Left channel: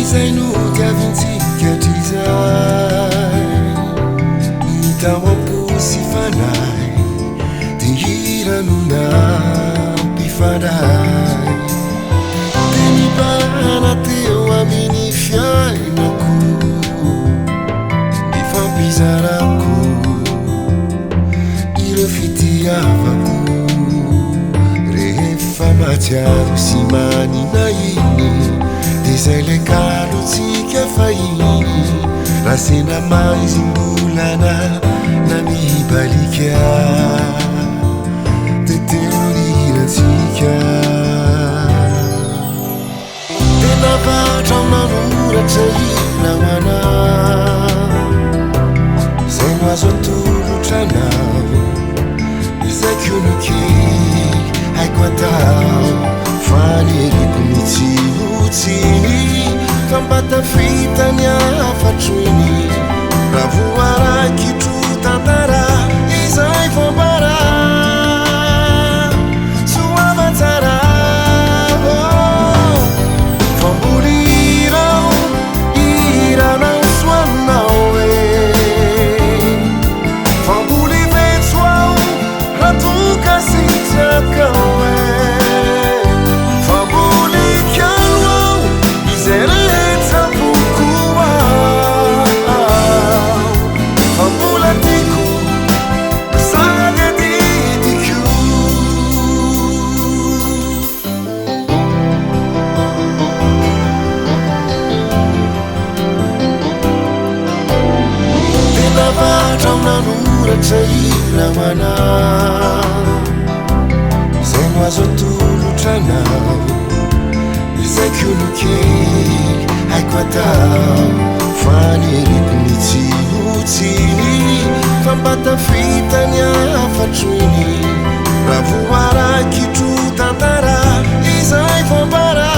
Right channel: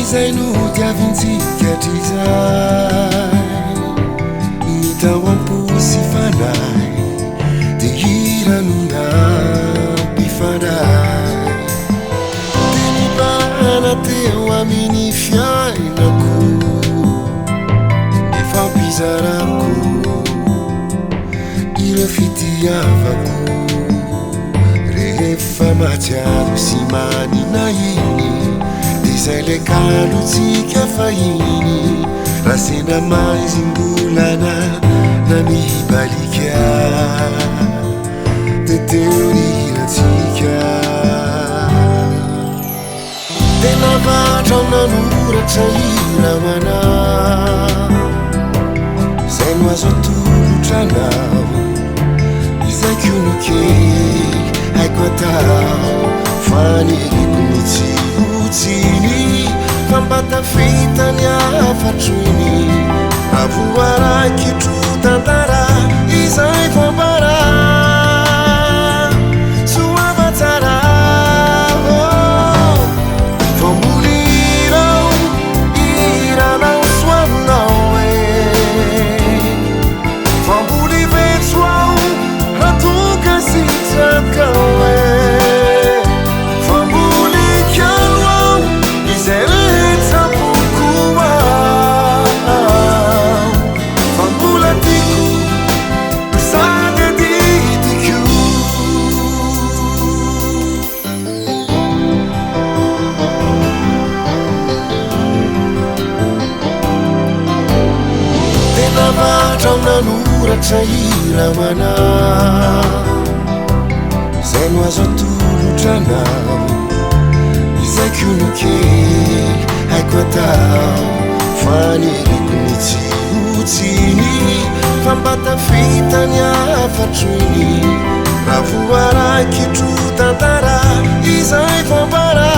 izay no diavintsika trizay mitao am-posy fanay de hiranonam-pifandray de nibana teo amin'ny fiainako nifampizarako ireo fitiavako rehefa matsiaro sy maninahiny de zay le kalotsika fahiny raha sendra maizim-bolana na mibalika de teo niratsika de navatra nanoratra irahoana zay no azo atolotranao izay konokely haiko atao faneriko mitsihotsyny fambatafitany afatroiny raha voaraikitro tantara izay fambara soavatsara fambolirao iranao soanao famboly vetsoao ratoka sitrakao famboly kialoao izay rehetra bokoao fambola tiko sady adidiko de navatrao nanoratra irahoana zay no azo atolotranao izay konokely haiko atao faneriko mitsihotsiny fambatafitany afatroiny raha voaraikitro tantara izay fambara